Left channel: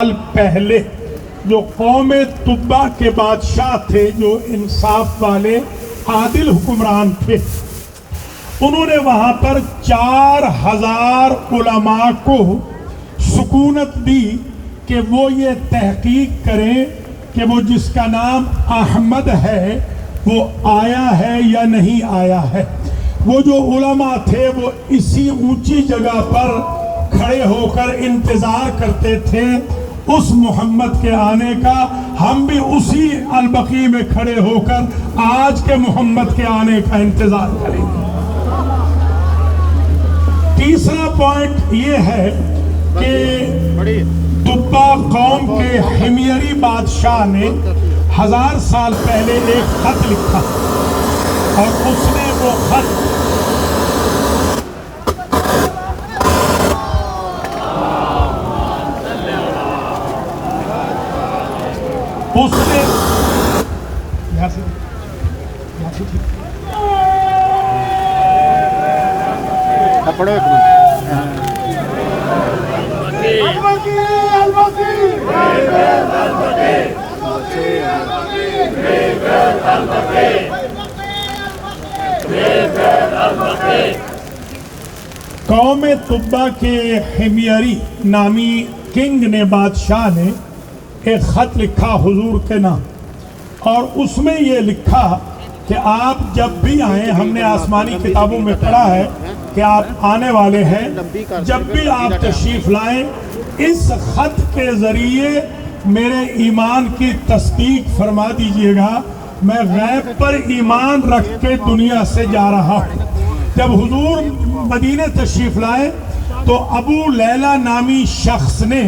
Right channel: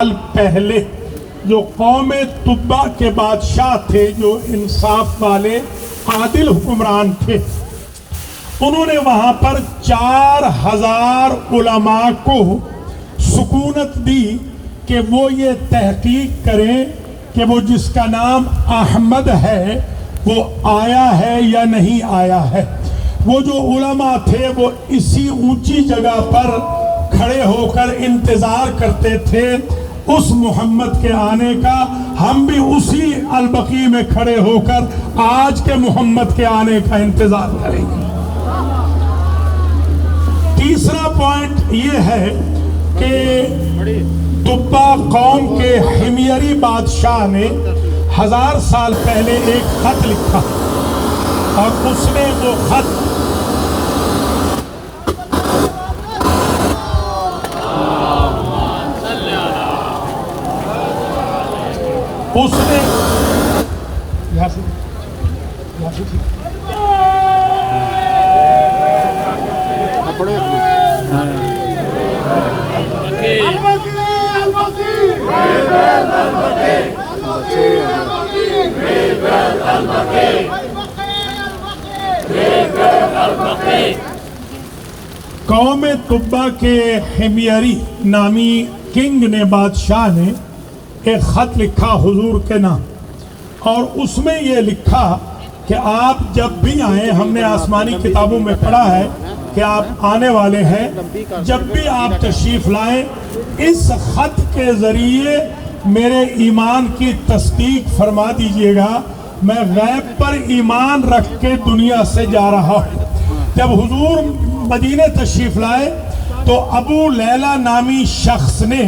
سال پہلے جو قوم تبا کے بادشاہ تھے، جو انصاف والے عادل حکمران تھے، انہوں نے وہاں پر 4000 علماء کو سکونت دی کہ وہ یہ تحقیق کریں کہ وہ جس کا نام احمد ہے وہ آیا ہے یا نہیں آیا ہے۔ وہ جو علماء تھے وہ اسی اونچی جگہ پر کھڑے ہو کر انتظار کرتے تھے اس محمد کے آنے کا۔ ہم بھی اسی البقیع میں کھڑے ہو کر آج کے محمد کے آنے کا انتظار کریں گے۔ تیسرا پوائنٹ یہ ہے کہ تبا قوم کے حمیری بادشاہ نے 1000 سال پہلے ایک خط لکھا اور اس نے وہ خط قوم تبا کے حمیری نامی کنگ نے، بادشاہ نے ایک خط لکھا حضور کے نام، اور اس میں یہ لکھا کہ آپ جب بھی آئیں، ہم نے آسمانی کتابوں میں پڑھا ہے کہ آپ آنے والے ہیں، جب بھی آپ تشریف لائیں اس خط کے ذریعے میرے ایمان کی تصدیق فرما دیجئے گا۔ میں غیب پر ایمان رکھ کے دنیا سے جا رہا ہوں۔ جب حضور مدینے تشریف لائے تو ابو لیلہ نامی شخص نے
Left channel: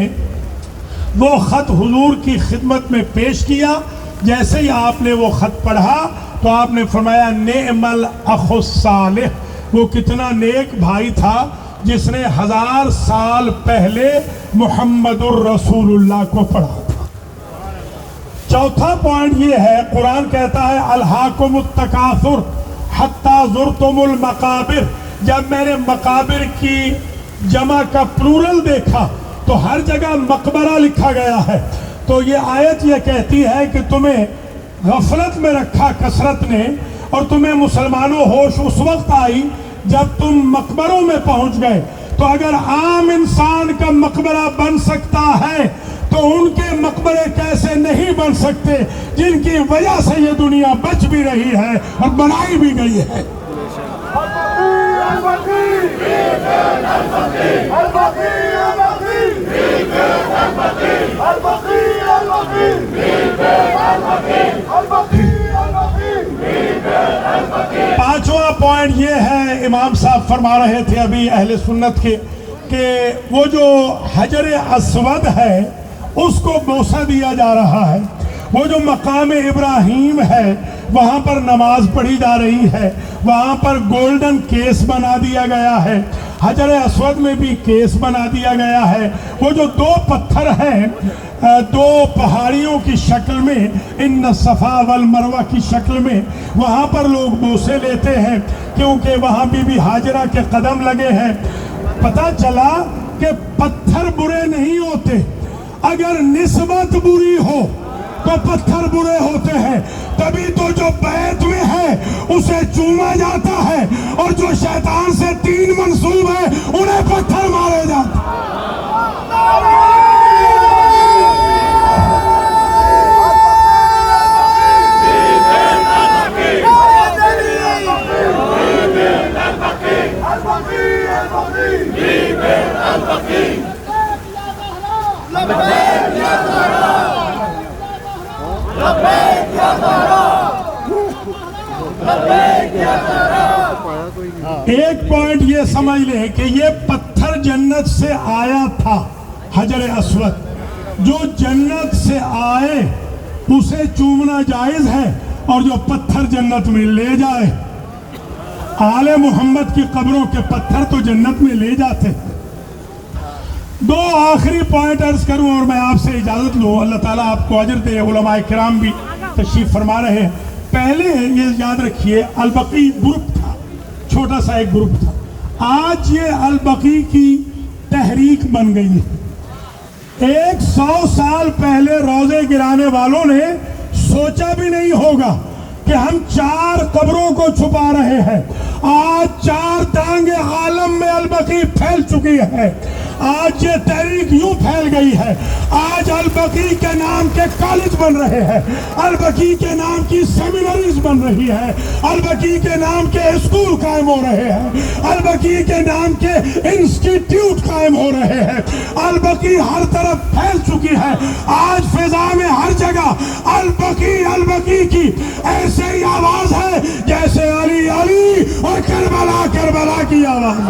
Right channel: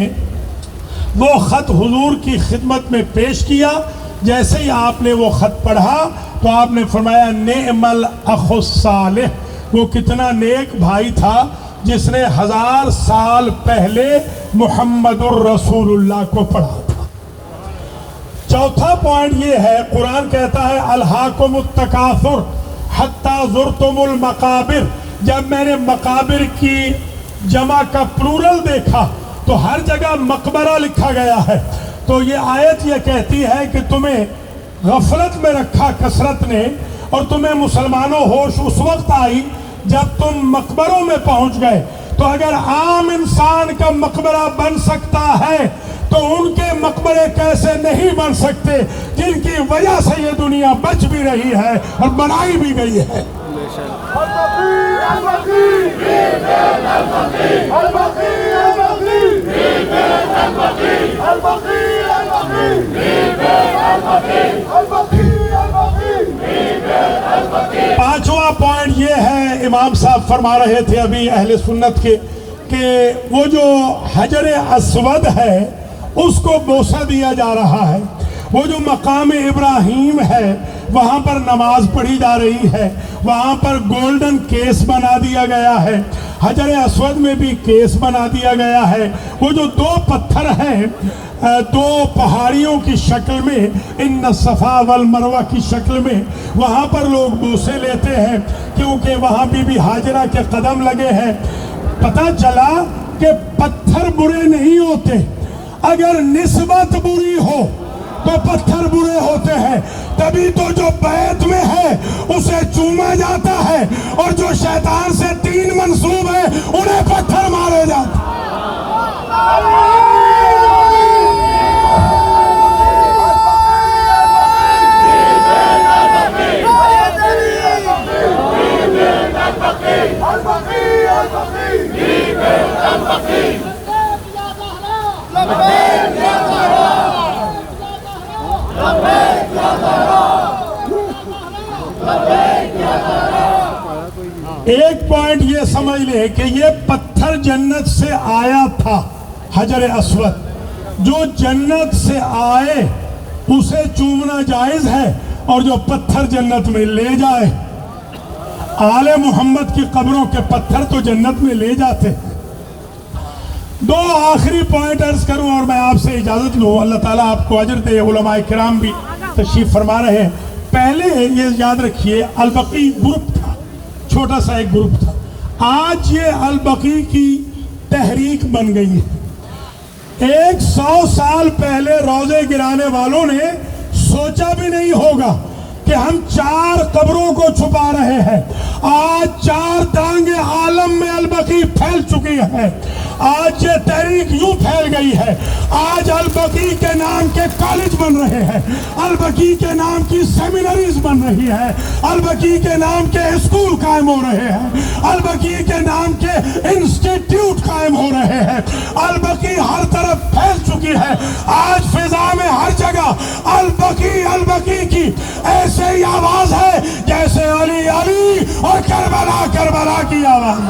وہ خط حضور کی خدمت میں پیش کیا۔ جیسے ہی آپ نے وہ خط پڑھا تو آپ نے فرمایا نعم الاخ الصالح، وہ کتنا نیک بھائی تھا جس نے 1000 سال پہلے محمد الرسول اللہ کو پڑھا تھا۔ چوتھا پوائنٹ یہ ہے، قرآن کہتا ہے الہاکم التکاثر حتی زرتم المقابر۔ جب میں نے مقابر کی جمع کا پلورل دیکھا تو ہر جگہ مقبرہ لکھا گیا ہے، تو یہ آیت یہ کہتی ہے کہ تمہیں غفلت میں رکھا کثرت نے، اور تمہیں مسلمانوں ہوش اس وقت آئی جب تم مقبروں میں پہنچ گئے۔ تو اگر عام انسان کا مقبرہ بن سکتا ہے تو ان کے مقبرے کیسے نہیں بن سکتے جن کی وجہ سے یہ دنیا بچ بھی رہی ہے اور بنائی بھی گئی ہے۔ پانچواں پوائنٹ یہ ہے، امام صاحب فرما رہے تھے ابھی اہل سنت کے، کہ وہ جو حجر اسود ہے اس کو بوسہ دیا جا رہا ہے۔ وہ جو مقام ابراہیم ہے وہاں پر نماز پڑھی جا رہی ہے، وہاں پر گولڈن کیس بنا دیا گیا ہے، حجر اسود میں بھی کیس بنا دیا گیا ہے۔ وہ جو 2 پتھر ہیں 2 پہاڑیوں کی شکل میں، ان الصفا والمروہ کی شکل میں، وہاں پر لوگ بوسے لیتے ہیں کیونکہ وہاں بی بی ہاجرہ کے قدم لگے ہیں۔ پتہ چلا کہ پتھر برے نہیں ہوتے، اگر نسبت بری ہو تو پتھر برے ہوتے ہیں۔ تبھی تو جو بیت میں ہے اسے چوما جاتا ہے، اور جو شیطان سے 3 منسوب ہے انہیں پتھر مارے جاتے ہیں۔ ایک پوائنٹ یہ سمجھ لے کہ یہ پتھر جنت سے آیا تھا، حجر اسود جو جنت سے آئے اسے چومنا جائز ہے، اور جو پتھر جنت میں لے جائے، آل محمد کی قبروں کے پتھر تو جنت میں لے جاتے۔ 2 آخری پوائنٹ عرض کروں اور میں آپ سے اجازت لوں، اللہ تعالیٰ آپ کو اجر دے۔ علماء کرام بھی تشریف فرما رہے ہیں۔ پہلے یہ یاد رکھیے البقیع گروپ تھا، چھوٹا سا ایک گروپ تھا، آج یہ البقیع کی تحریک بن گئی ہے۔ 100 سال پہلے روزے گرانے والوں نے سوچا بھی نہیں ہوگا کہ ہم 4 قبروں کو چھپا رہے ہیں. آج 4 ٹانگیں عالم میں البقیع پھیل چکی ہے. آج یہ تحریک یوں پھیل گئی ہے. آج البقیع کے نام کے کالج بن رہے ہیں, البقیع کے نام کی سیمینریز بن رہی ہے, البقیع کے نام کے اسکول قائم ہو رہے ہیں, البقیع کے نام کے انسٹیٹیوٹ قائم ہو رہے ہیں. البقیع ہر طرف پھیل چکی ہے. آج فضا میں ہر جگہ البقیع البقیع کی ایسے ہی آواز ہے جیسے علی علی اور کربلا کربلا کی آواز.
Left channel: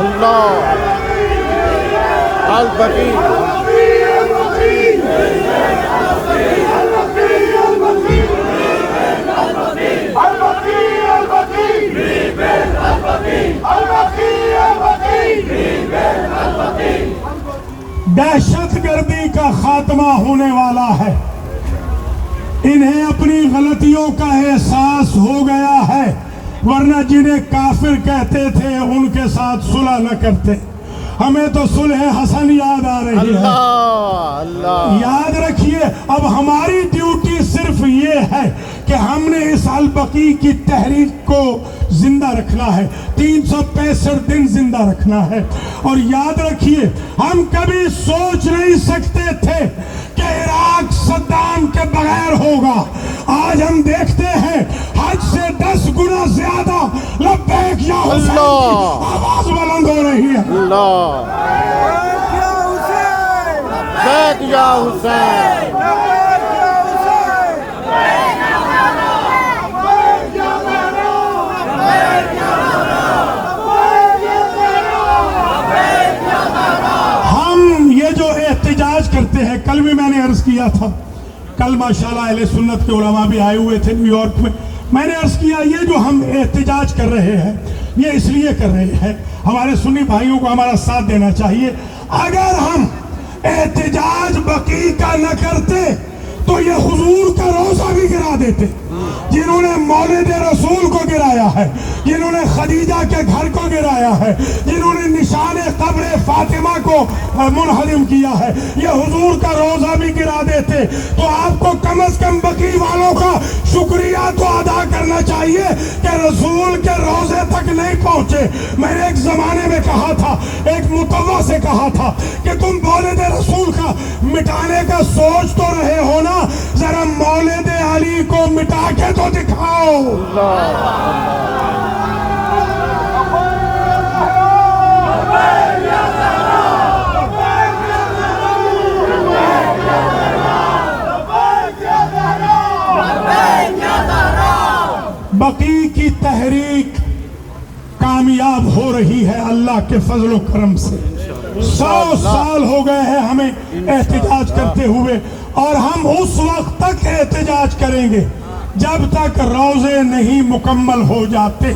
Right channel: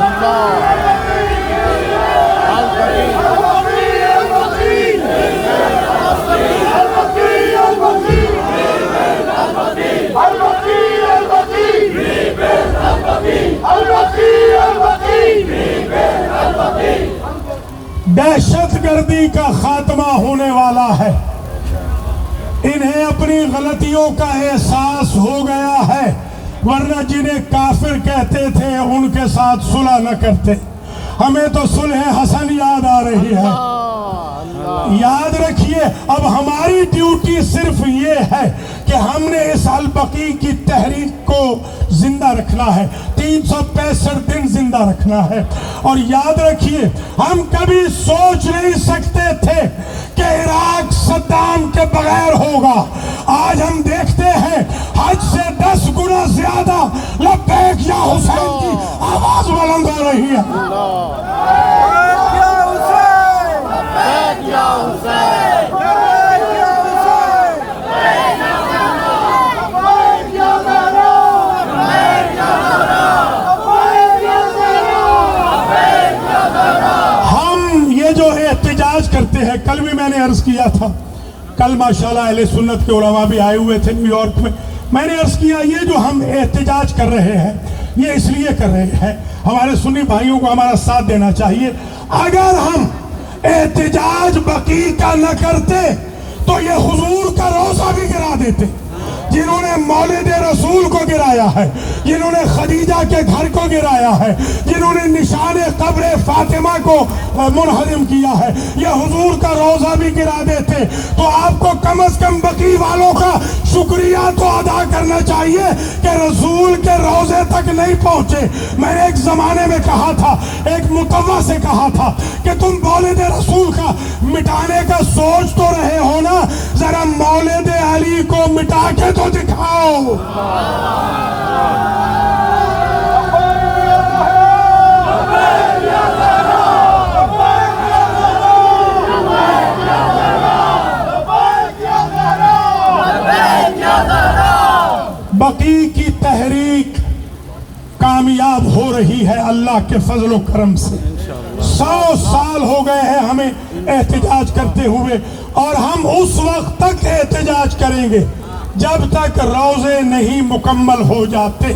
دہشت گردی کا خاتمہ ہونے والا ہے. انہیں اپنی غلطیوں کا احساس ہو گیا ہے, ورنہ جنہیں کافر کہتے تھے ان کے ساتھ صلح نہ کرتے. ہمیں تو صلح حسن یاد آ رہی ہے. یاد رکھیے, اب ہماری ڈیوٹی صرف یہ ہے کہ ہم نے اس البقیع کی تحریک کو زندہ رکھنا ہے, 365 دن زندہ رکھنا ہے. اور یاد رکھیے, ہم کبھی سوچ نہیں سکتے تھے کہ عراق صدام کے بغیر ہوگا. آج ہم دیکھتے ہیں حج سے 10 گنا زیادہ لبیک یا حسین کی آواز بلند ہو رہی ہے. ہم یہ جو احتجاج کرتے ہیں, کل بھی میں نے عرض کیا تھا, کل ماشاءاللہ اہل سنت کے علماء بھی آئے ہوئے تھے نیو یارک میں نے عرض کیا یہ جو ہم احتجاج کر رہے ہیں یہ اس لیے کر رہے ہیں, ہمارے سنی بھائیوں کو ہمارا ساتھ دینا چاہیے. اگر ہم احتجاج بقیع کا نہ کرتے تو یہ حضور کا روضہ بھی گرا دیتے. جنہوں نے مولد رسول کو گرایا ہے, جنہوں نے خدیجہ کے گھر کو گرایا ہے, جنہوں نے نشان قبر فاطمہ کو منہدم کیا ہے, یہ حضور کا روضہ بھی گرا دیتے. تو آپ کو کم از کم بقیع والوں کا شکریہ تو ادا کرنا چاہیے کہ رسول کے روضے تک نہیں پہنچے. میں نے ایک زمانے میں کہا تھا, ایک متوع سے کہا تھا کہ تم مولد رسول کا مٹانے کا سوچ تو رہے ہو نا, ذرا مولد علی کو مٹا کے تو دکھاؤ. بقیع کی تحریک کامیاب ہو رہی ہے اللہ کے فضل و کرم سے. 100 سال ہو گئے ہیں ہمیں احتجاج کرتے ہوئے, اور ہم اس وقت تک احتجاج کریں گے جب تک روضے نہیں مکمل ہو جاتے.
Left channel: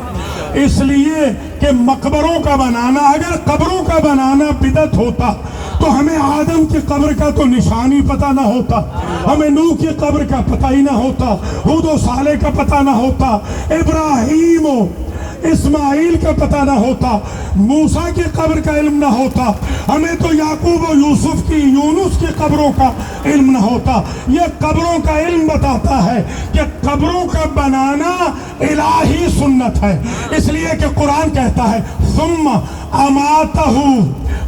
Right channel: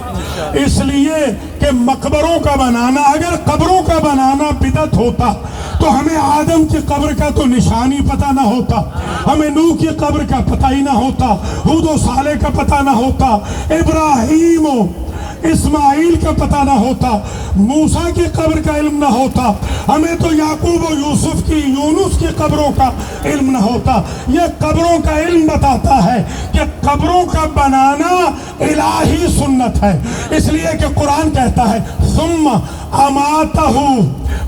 اس لیے کہ مقبروں کا بنانا, اگر قبروں کا بنانا بدعت ہوتا تو ہمیں آدم کی قبر کا تو نشانی پتہ نہ ہوتا, ہمیں نوح کی قبر کا پتہ ہی نہ ہوتا, ہود و صالح کا پتہ نہ ہوتا, ابراہیم و اسماعیل کا پتہ نہ ہوتا, موسیٰ کی قبر کا علم نہ ہوتا, ہمیں تو یعقوب و یوسف کی, یونس کی قبروں کا علم نہ ہوتا. یہ قبروں کا علم بتاتا ہے کہ قبروں کا بنانا الہی سنت ہے. اس لیے کہ قرآن کہتا ہے ثم اماتہ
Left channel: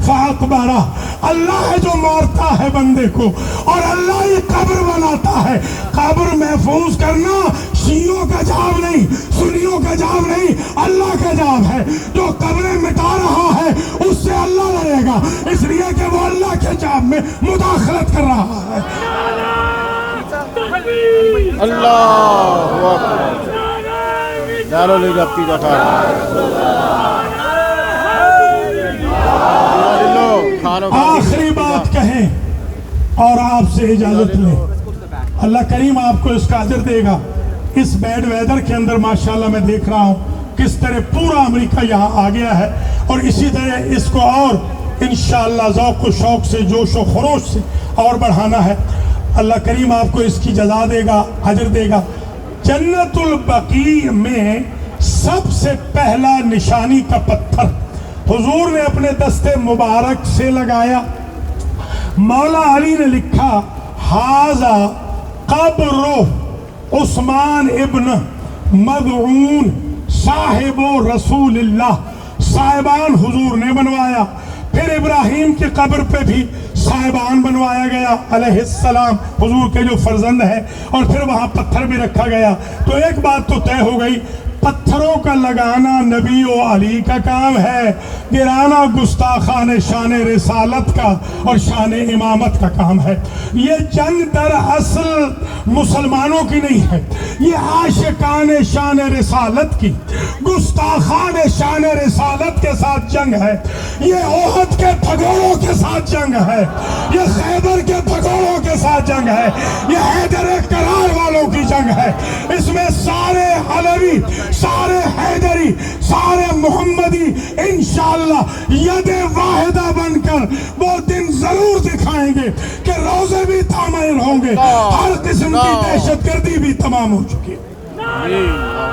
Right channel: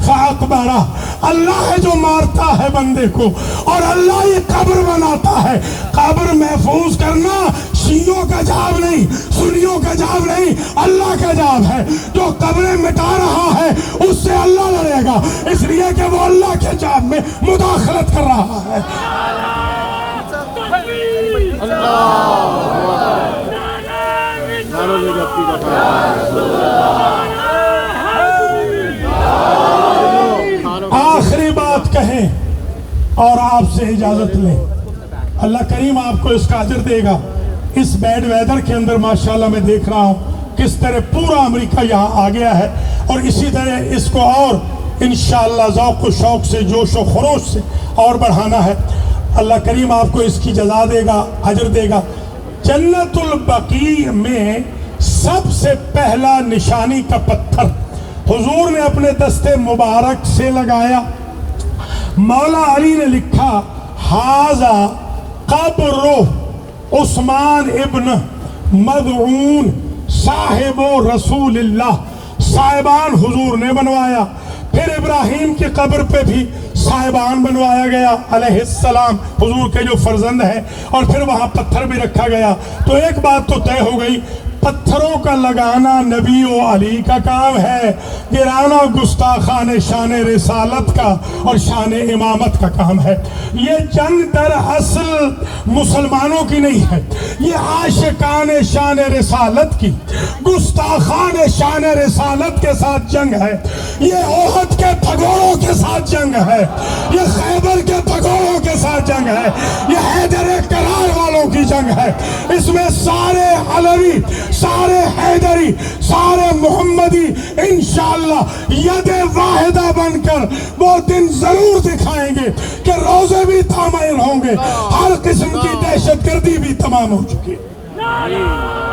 فاقبرہ, اللہ ہے جو مارتا ہے بندے کو, اور اللہ یہ قبر بناتا ہے. قبر محفوظ کرنا شیعوں کا جاب نہیں, سنیوں کا جاب نہیں, اللہ کا جاب ہے. جو قبریں مٹا رہا ہے اس سے اللہ لڑے گا, اس لیے کہ وہ اللہ کے جاب میں مداخلت کر رہا ہے. آخری بات کہیں اور آپ سے اجازت لیں, اللہ کریم آپ کو اس کا اجر دے گا. اس بیڈ ویدر کے اندر ماشاءاللہ میں دیکھ رہا ہوں کس طرح پورا امریکہ یہاں آ گیا ہے, اور اسی طرح اس کو اور انشاءاللہ ذوق و شوق سے, جوش و خروش سے اور بڑھانا ہے. اللہ کریم آپ کو اس کی جزا دے گا, اجر دے گا. جنت البقیع میں سب سے پہلا نشانی کا پتھر حضور نے اپنے دستے مبارک سے لگایا. مولا علی نے لکھا حاذا قبر عثمان ابن مدعون صاحب رسول اللہ، صاحبان حضور نے بنوایا۔ پھر ابراہیم کی قبر پہ بھی صاحبان بنوایا گیا علیہ السلام، حضور کے جو فرزند ہے، اور پھر وہاں پتھر بھی رکھا گیا۔ تو ایک بات تو طے ہو گئی، پتھروں کا لگانا نبی و علی کا کام ہے، گرانا گستاخان شان رسالت کا اور شان امامت کا کام ہے۔ یہ جنگ در اصل مسلمانوں کی نہیں ہے، یہ عاشقان شان رسالت کی، گستاخان شان رسالت کے ساتھ جنگ ہے، یہ احد کے پھگوڑوں کے ساتھ جنگ ہے، یہ خیبر کے پھگوڑوں کے ساتھ جنگ ہے، یہ حیدر کرار والوں کی جنگ ہے۔ اس میں سارے علوی، سارے حیدری، سارے محمدی انشاءاللہ ید واحدہ بن کر وہ دن ضرور دکھائیں گے کہ روزے بھی تامین ہوں گے، ہر قسم کی دہشت گردی بھی تمام ہو چکی ہے۔